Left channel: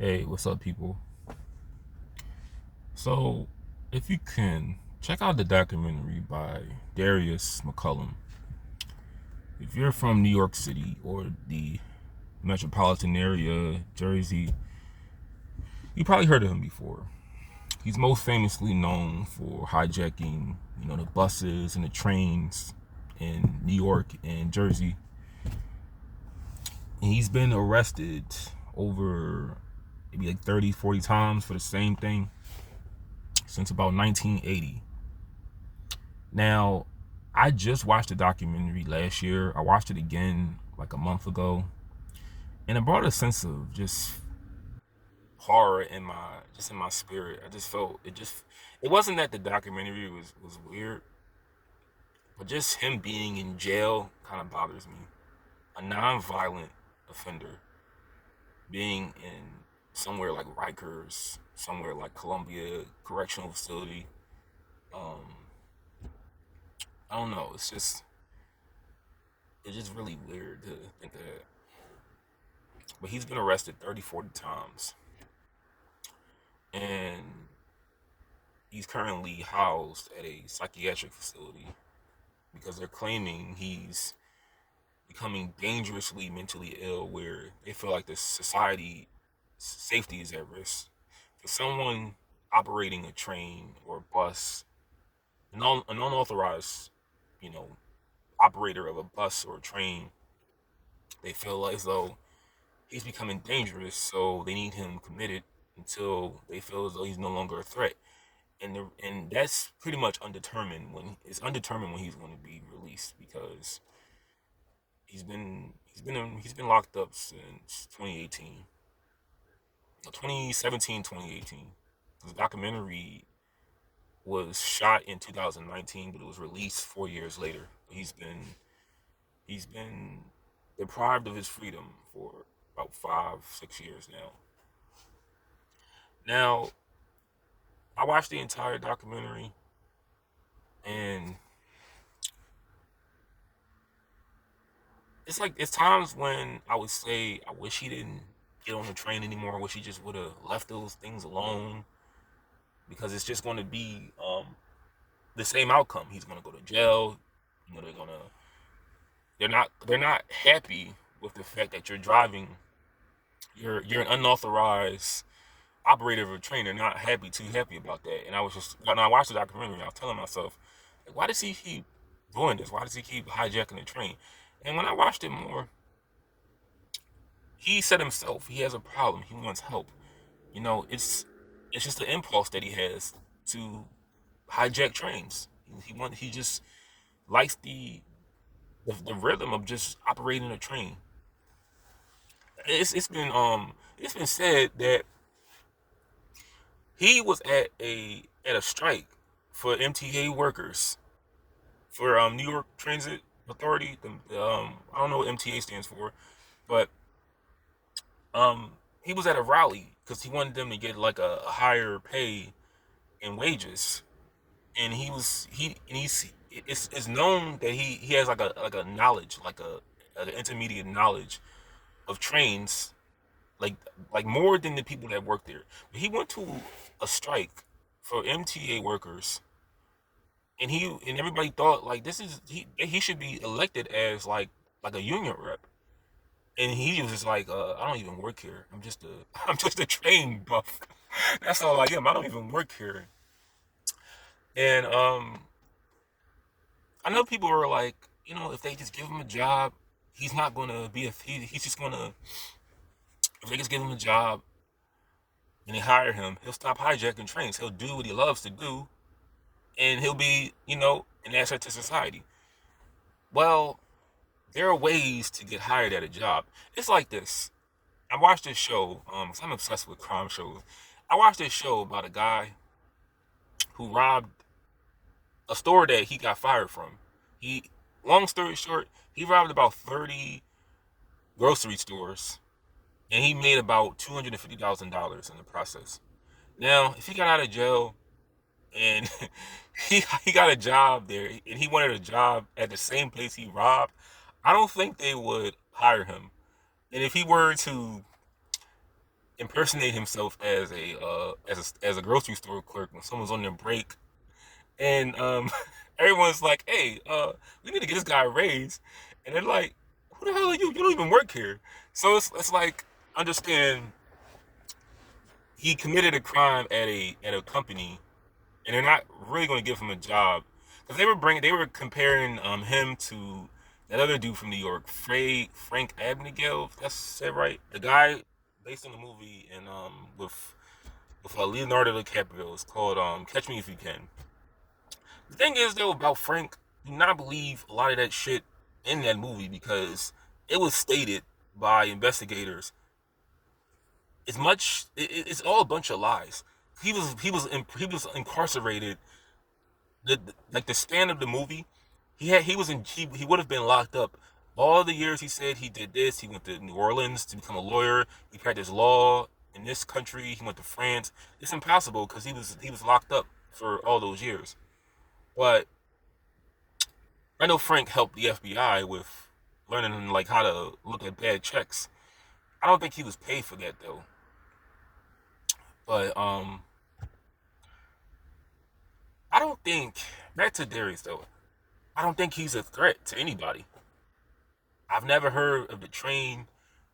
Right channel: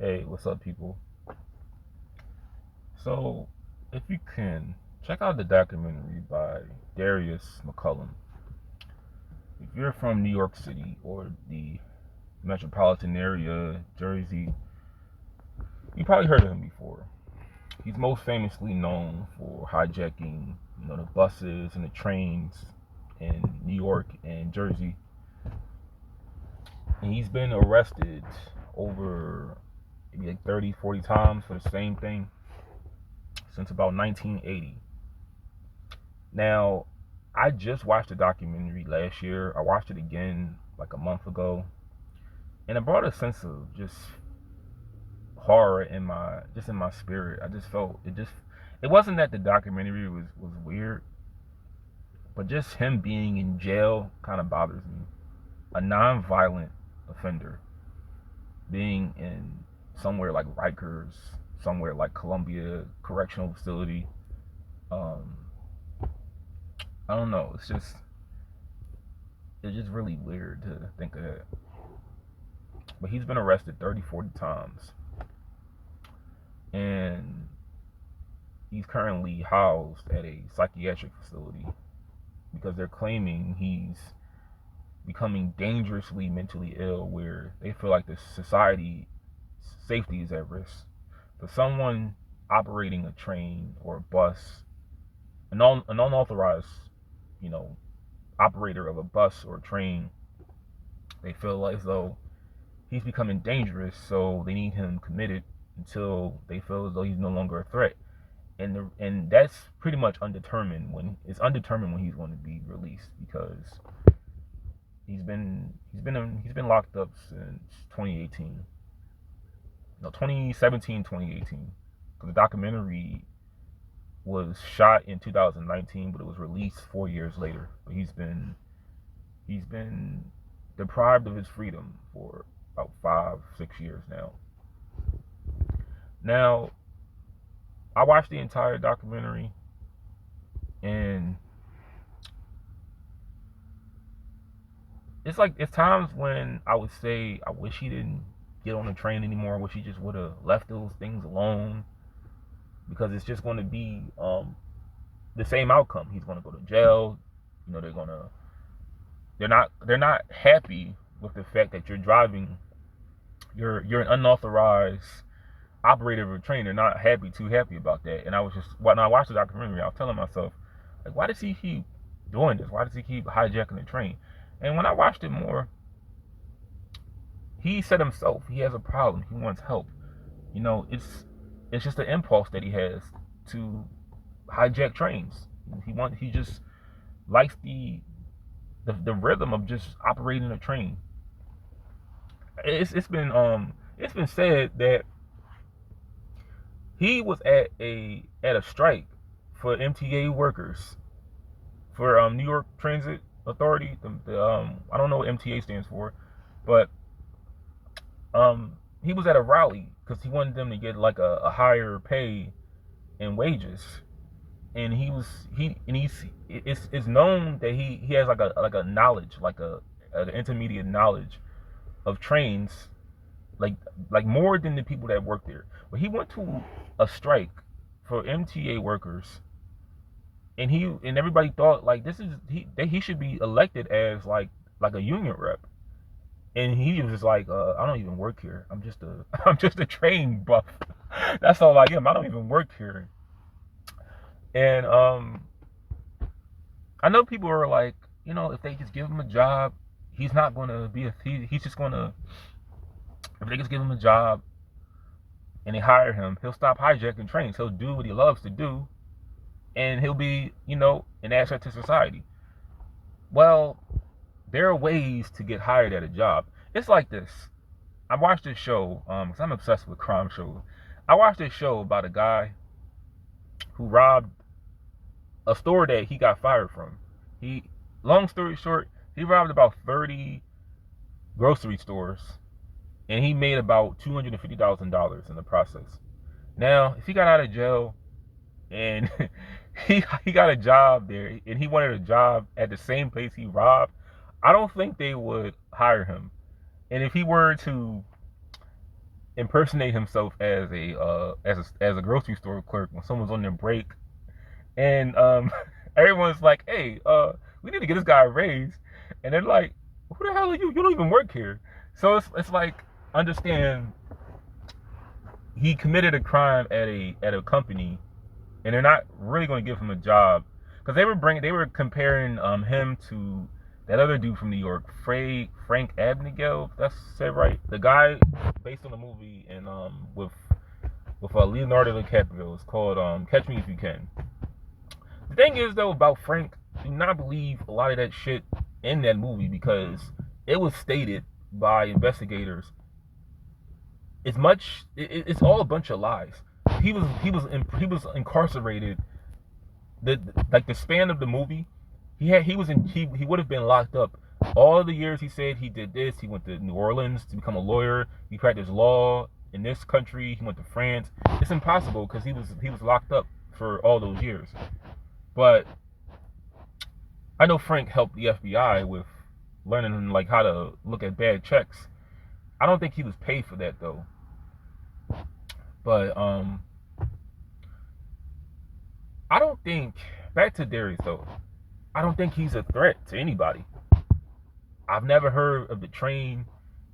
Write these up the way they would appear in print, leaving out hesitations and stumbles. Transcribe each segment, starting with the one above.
Hey, what's up, people? So, if you can, check out the documentary by Darius McCollum. If you're from New York City or the metropolitan area, Jersey, you probably heard of him before. He's most famously known for hijacking, the buses and the trains in New York and Jersey. And he's been arrested over maybe like 30, 40 times for the same thing since about 1980. Now, I just watched the documentary last year. I watched it again like a month ago, and it brought a sense of just horror in my spirit. I just felt it wasn't that the documentary was weird, but just him being in jail kind of bothers me. A non-violent offender being in somewhere like Rikers, somewhere like Columbia Correctional Facility. Um, I don't know. It's just really weird to think of that. But he's been arrested 30, 40 times. And he's currently housed at a psychiatric facility because they're claiming he's becoming dangerously mentally ill, where they feel like the society safety is at risk. For someone operating a train or a bus, an unauthorized, you know, operator of a bus or a train, they feel as though he's becoming dangerous, so they need him committed until they feel as though he's no longer a threat. And that's pretty much undetermined when he's going to be released, because he's been locked up since 2018. No, 2017, 2018. Because the documentary was shot in 2019, but it was released 4 years later. He's been deprived of his freedom for about 5, 6 years now. Now, I watched the entire documentary, and it's times when I would say I wish he didn't get on the train anymore. I wish he just would have left those things alone, because it's just going to be the same outcome. He's going to go to jail. They're not happy with the fact that you're driving. You're an unauthorized operator of a train. They're not too happy about that. And I was just when I watched the documentary, I was telling myself, like, why does he keep doing this? Why does he keep hijacking the train? And when I watched it more, he said himself he has a problem. He wants help. It's just an impulse that he has to hijack trains. He just likes the rhythm of just operating a train. It's been said that he was at a strike for MTA workers, for New York Transit Authority. I don't know what MTA stands for, but he was at a rally because he wanted them to get like a higher pay and wages. And it's known that he has like a knowledge, like an intermediate knowledge of trains, like more than the people that work there. But he went to a strike for MTA workers, and everybody thought like that he should be elected as like a union rep. And he was just like, I don't even work here. I'm just a I'm just a train buff. That's all I am. I don't even work here. And I know people are like, if they just give him a job, he's not gonna be he's just gonna, if they just give him a job and they hire him, he'll stop hijacking trains. He'll do what he loves to do, and he'll be, an asset to society. Well, there are ways to get hired at a job. It's like this. I watched this show, because I'm obsessed with crime shows. I watched this show about a guy who robbed a store that he got fired from. Long story short, he robbed about 30 grocery stores, and he made about $250,000 in the process. Now, if he got out of jail and he got a job there, and he wanted a job at the same place he robbed, I don't think they would hire him. And if impersonate himself as a grocery store clerk when someone's on their break, and everyone's like, "Hey, we need to get this guy a raise," and they're like, "Who the hell are you? You don't even work here." So it's like, understand, he committed a crime at a company, and they're not really going to give him a job because they were comparing him to that other dude from New York, Frank Abagnale, if that's said right, the guy based on the movie and with Leonardo DiCaprio. It's called Catch Me If You Can. The thing is though about Frank, do not believe a lot of that shit in that movie because it was stated by investigators. It's all a bunch of lies. He was incarcerated. Like the span of the movie, he would have been locked up all the years he said he did this. He went to New Orleans to become a lawyer. He practiced law in this country. He went to France. It's impossible because he was locked up for all those years. But I know Frank helped the FBI with learning like how to look at bad checks. I don't think he was paid for that though. But I don't think, back to Darius though, I don't think he's a threat to anybody. I've never heard of the train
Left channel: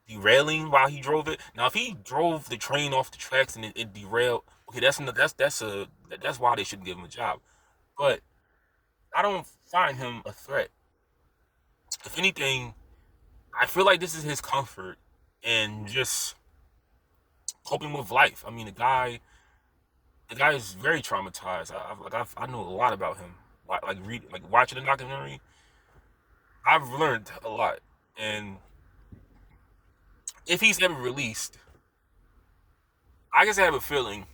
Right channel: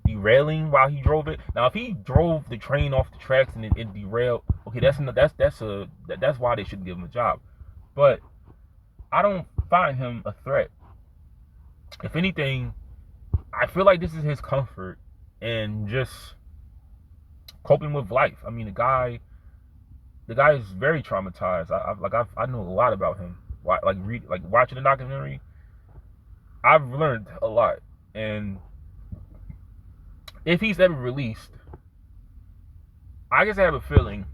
derailing while he drove it. Now, if he drove the train off the tracks and it derailed, okay, that's why they shouldn't give him a job. But I don't find him a threat. If anything, I feel like this is his comfort and just coping with life. I mean, the guy is very traumatized. I know a lot about him. Like watching the documentary, I've learned a lot. And if he's ever released, I just have a feeling,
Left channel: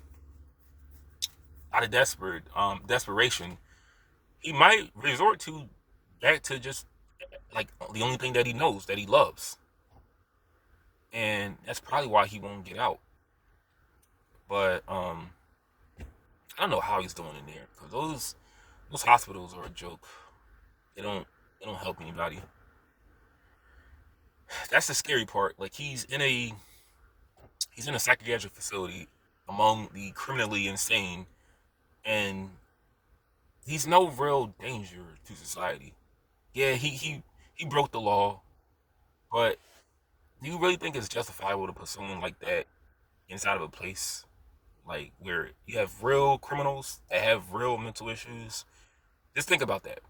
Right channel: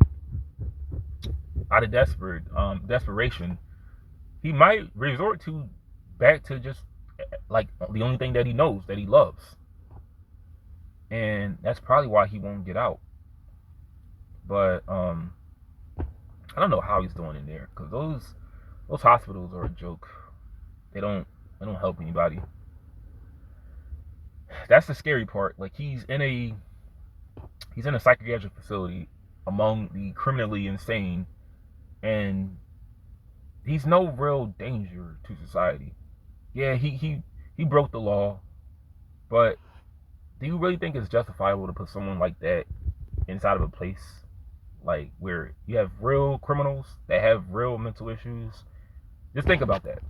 out of desperation, he might resort back to just like the only thing that he knows, that he loves. And that's probably why he won't get out. But I don't know how he's doing in there, because those hospitals are a joke. They don't help anybody. That's the scary part. Like, he's in a psychiatric facility among the criminally insane, and he's no real danger to society. Yeah, he broke the law, but do you really think it's justifiable to put someone like that inside of a place like where you have real criminals that have real mental issues? Just think about that.